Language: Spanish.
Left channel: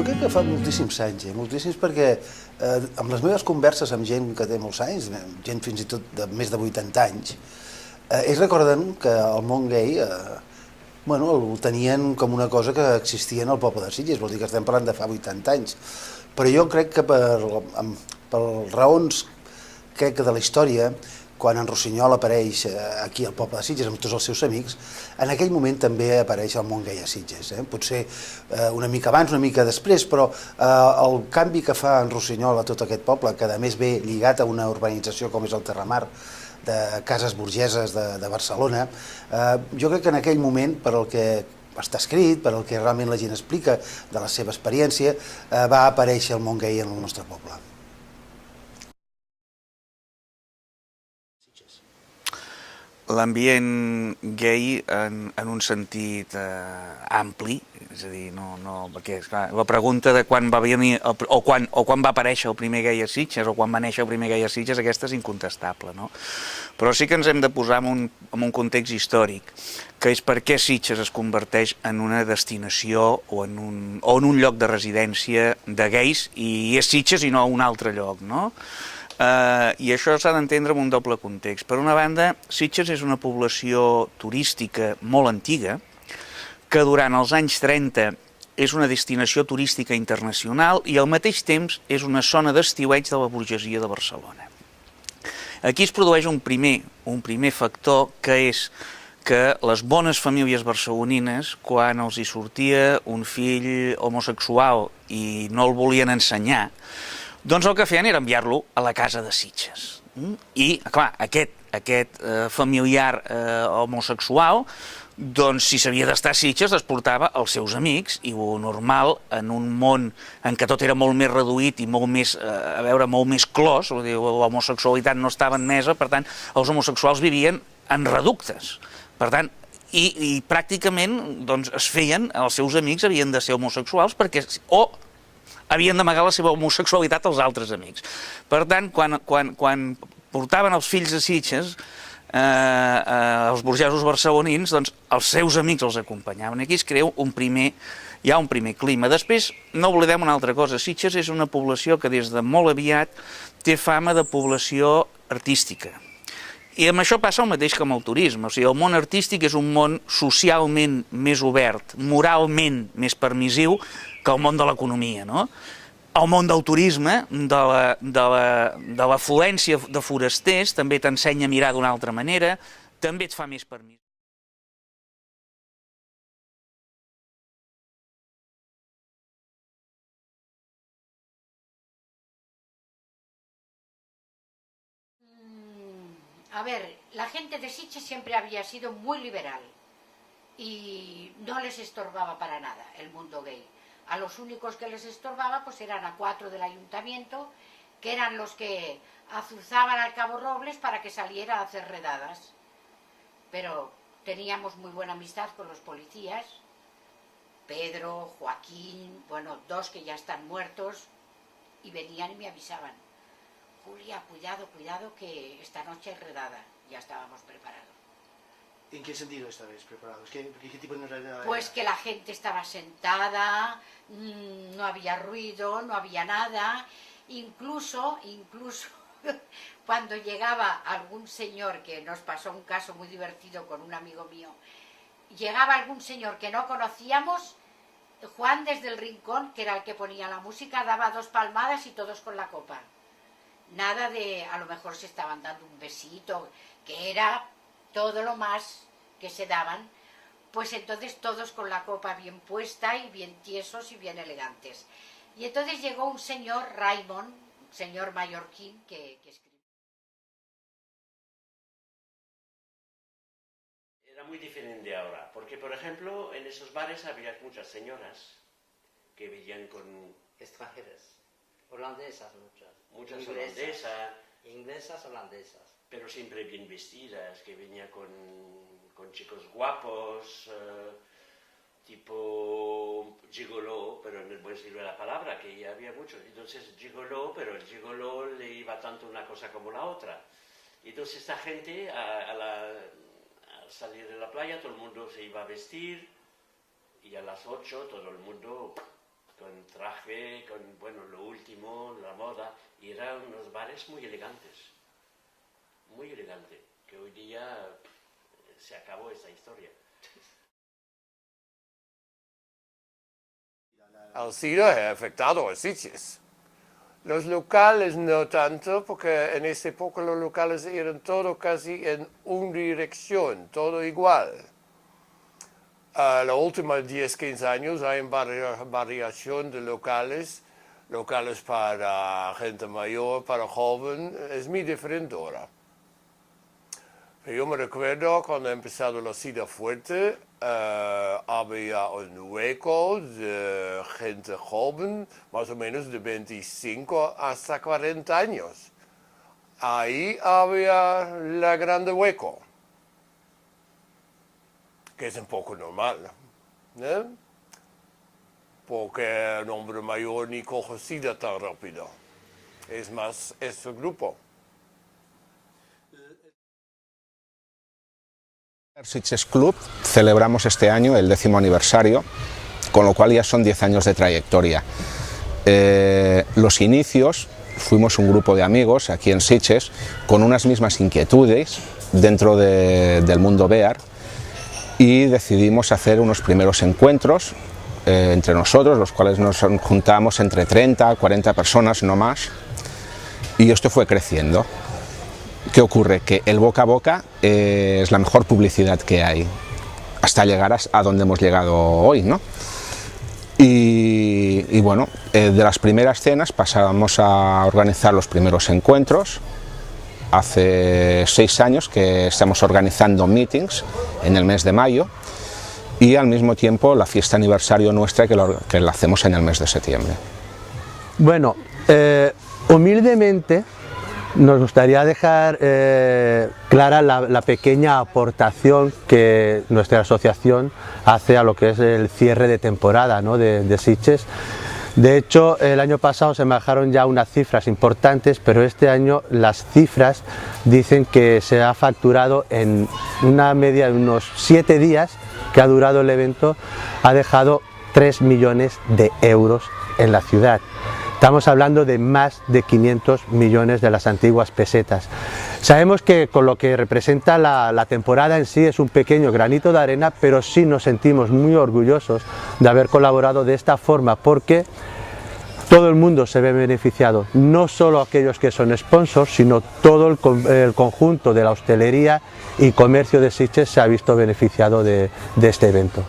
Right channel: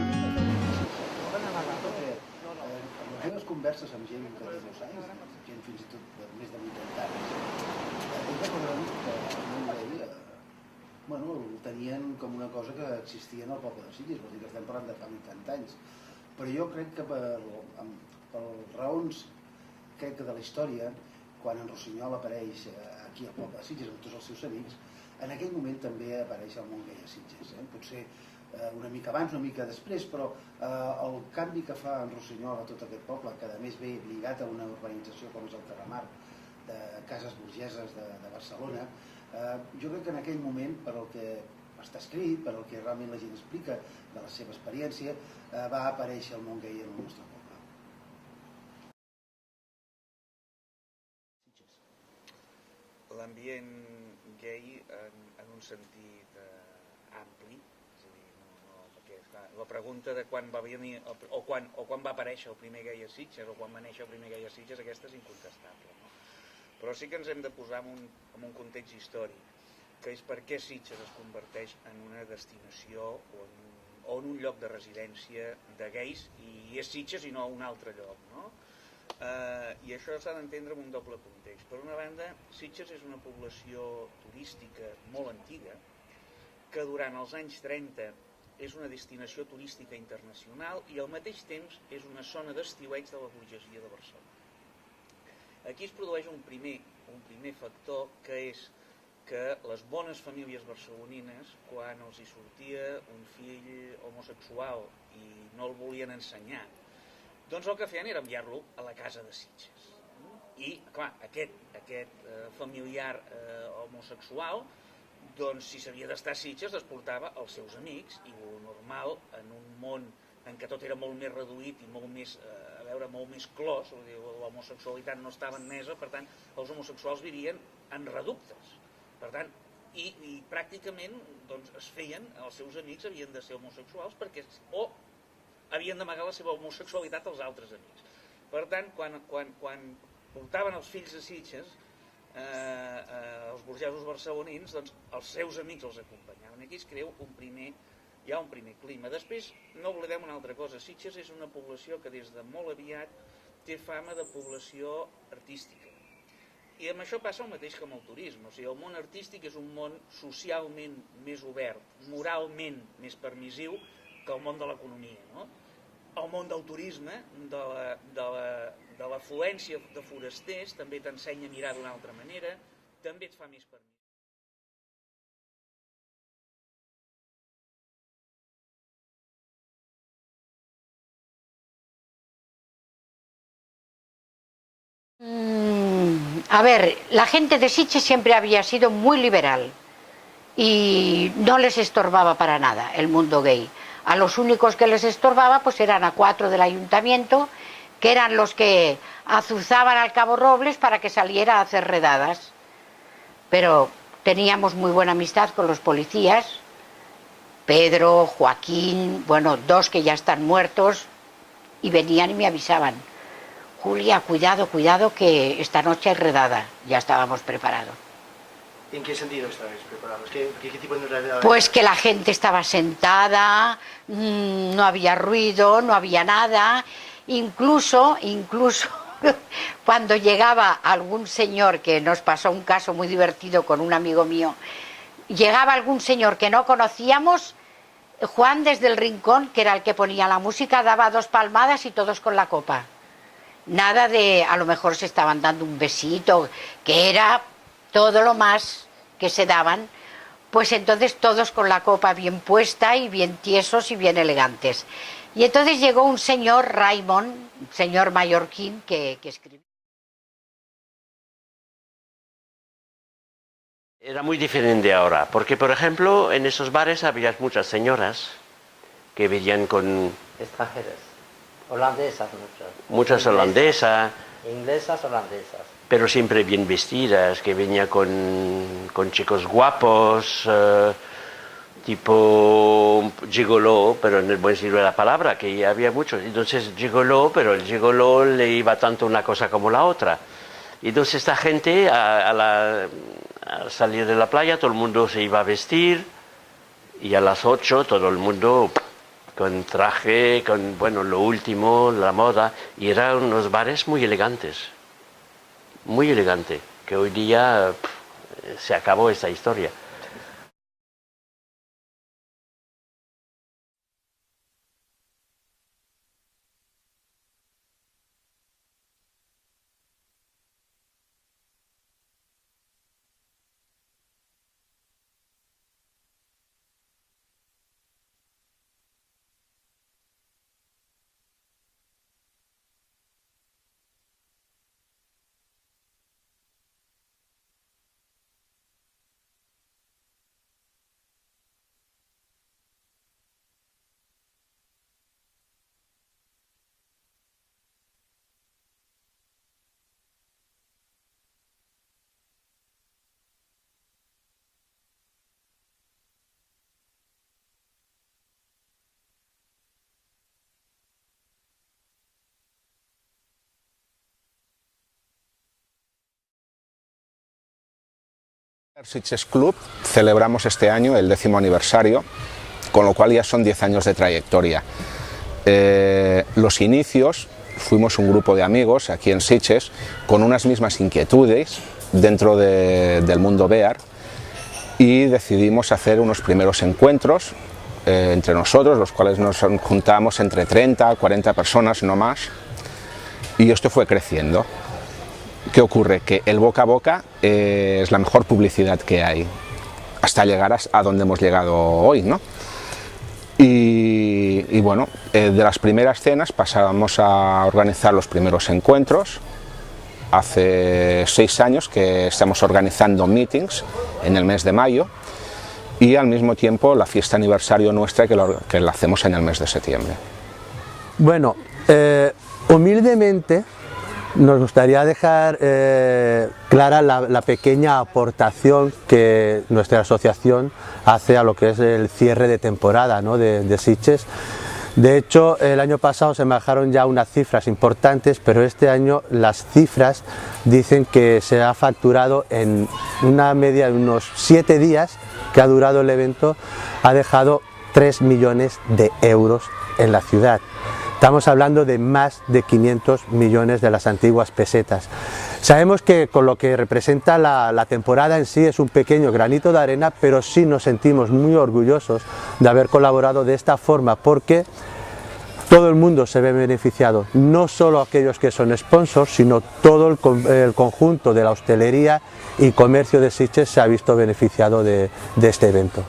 Jo crec que fa moltíssims anys, moltíssims perquè amb les meves converses amb gent que té molts anys, gent fins i tot de més de 80 anys, ells recorden que el món gai bueno, el tenien com una cosa que existia en el poble de Sitges, vol dir que estem parlant de fa 80 anys. Però jo crec que per raons crec que de la història, quan en Rossinyol apareix aquí al poble de Sitges amb tots els seus amics, en aquell moment també apareix el món gai a Sitges. Potser una mica abans, una mica després, però el canvi que fa en Rossinyol a tot aquest poble, que a més ve lligat a una urbanització com és el Terramar, de cases burgeses de Barcelona, jo crec que en aquell moment, per al que està escrit, per al que realment la gent explica de la seva experiència, va aparèixer el món gai en el nostre poble. L'ambient gay en un sentit ampli, és a dir, perquè clar, la pregunta de quan va venir o quan va aparèixer el primer gai a Sitges o quan va néixer el primer gai a Sitges, aquesta és incontestable, no? Però sí que ens hem de posar en un context històric, que és per què Sitges es converteix en una destinació o en un lloc de residència de gais, i és Sitges i no un altre lloc, no? I això s'ha d'entendre en un doble context. Per una banda, Sitges és una població turística molt antiga, que durant els anys 30 és una destinació turística internacional i al mateix temps és una zona d'estiueig de la burgesia de Barcelona. Aquí es produeix un primer factor, que és que les bones famílies barcelonines, quan els hi sortia un fill homosexual i no el volien ensenyar, doncs el que feien era enviar-lo a la casa de Sitges. I, clar, aquest familiar homosexual, doncs si s'havia d'estar a Sitges es portava els seus amics, i el normal, en un món en què tot era molt més reduït i molt més, molt més clos, l'homosexualitat no estava admesa, per tant, els homosexuals vivien en reductes. Per tant, i pràcticament es feien, els seus amics havien de ser homosexuals perquè havien d'amagar la seva homosexualitat als altres amics. Per tant, quan portaven els fills a Sitges, els burgesos barcelonins, doncs els seus amics els acompanyaven. Aquí es crea hi ha un primer clima. Després, no oblidem una altra cosa, Sitges és una població que des de molt aviat té fama de població artística. I amb això passa el mateix que amb el turisme. O sigui, el món artístic és un món socialment més obert, moralment més permissiu que el món de l'economia, no? El món del turisme, de l'afluència de forasters, també t'ensenya a mirar d'una altra manera, també et fa més permís. A ver, la gente de Sitges siempre había sido muy liberal y no les estorbaba para nada el mundo gay. A los únicos que les estorbaba pues eran a 4 del ayuntamiento, que eran los que azuzaban al Cabo Robles para que saliera a hacer redadas. Pero teníamos muy buena amistad con los policías, Pedro, Joaquín, bueno, 2 que ya están muertos, y venían y me avisaban: Julia, cuidado, cuidado, que esta noche hay redada. Ya estábamos preparados. ¿En qué sentido estabais preparados? ¿Qué tipo de redada? Pues que la gente estaba sentada, no había ruido, no había nada. Incluso cuando llegaba algún señor, que nos pasó un caso muy divertido con un amigo mío, llegaba algún señor que no conocíamos, Juan desde el rincón, que era el que ponía la música, daba 2 palmadas y todos con la copa. Nada de, a lo mejor se estaban dando un besito, que era todo lo más que se daban, pues entonces todos con la copa bien puesta y bien tiesos y bien elegantes. Y entonces llegó un señor, Raymond, un señor mallorquín, que escribió. Era muy diferente ahora, porque por ejemplo en esos bares había muchas señoras que venían con... Extranjeras, holandesas muchas holandesas. Inglesas, holandesas. Pero siempre bien vestidas, que venía con chicos guapos, tipo gigoló, pero en el buen sentido de la palabra, que había muchos. Entonces gigoló, pero el gigoló le iba tanto una cosa como la otra. Y entonces esta gente, al salir de la playa, todo el mundo se iba a vestir, y a las 8 todo el mundo con traje, con bueno, lo último, la moda, y eran unos bares muy elegantes, que hoy día se acabó esa historia. El SIDA ha afectado a Sitges. Los locales no tanto, porque en esa época los locales eran todo casi en una dirección, todo igual. Los últimos 10-15 años hay variación de locales para gente mayor, para joven, es muy diferente ahora. Yo me recuerdo cuando ha empezado la SIDA fuerte, había un hueco de gente joven, más o menos de 25 hasta 40 años. Ahí había la grande hueco, que es un poco normal, ¿no? Porque un hombre mayor ni coge SIDA tan rápido. Es más, ese grupo. Sitges Club celebramos este año el 10º aniversario, con lo cual ya son 10 años de trayectoria. Los inicios, fuimos un grupo de amigos aquí en Sitges con unas mismas inquietudes dentro del mundo bear y decidimos hacer unos primeros encuentros entre nosotros, los cuales nos juntamos entre 30 a 40 personas, no más, y esto fue creciendo. ¿Qué ocurre? Que el boca a boca es la mejor publicidad que hay, hasta llegar a donde hemos llegado hoy, ¿no? Y bueno, de las primeras cenas pasamos a organizar los primeros encuentros. Hace 6 años que estamos organizando meetings en el mes de mayo y al mismo tiempo la fiesta aniversario nuestra que la hacemos en el mes de septiembre. Bueno, humildemente nos gustaría dejar clara la pequeña aportación que nuestra asociación hace a lo que es el cierre de temporada, ¿no?, de Sitges. De hecho, el año pasado se manejaron ya unas cifras importantes, pero este año las cifras dicen que se ha facturado en una media de unos 7 días que ha durado el evento, ha dejado 3 millones de euros en la ciudad. Estamos hablando de más de 500 millones de las antiguas pesetas. Sabemos que con lo que representa la temporada en sí es un pequeño granito de arena, pero sí nos sentimos muy orgullosos de haber colaborado de esta forma, porque todo el mundo se ve beneficiado, no solo aquellos que son sponsors, sino todo el conjunto de la hostelería y comercio de Sitges se ha visto beneficiado de este evento.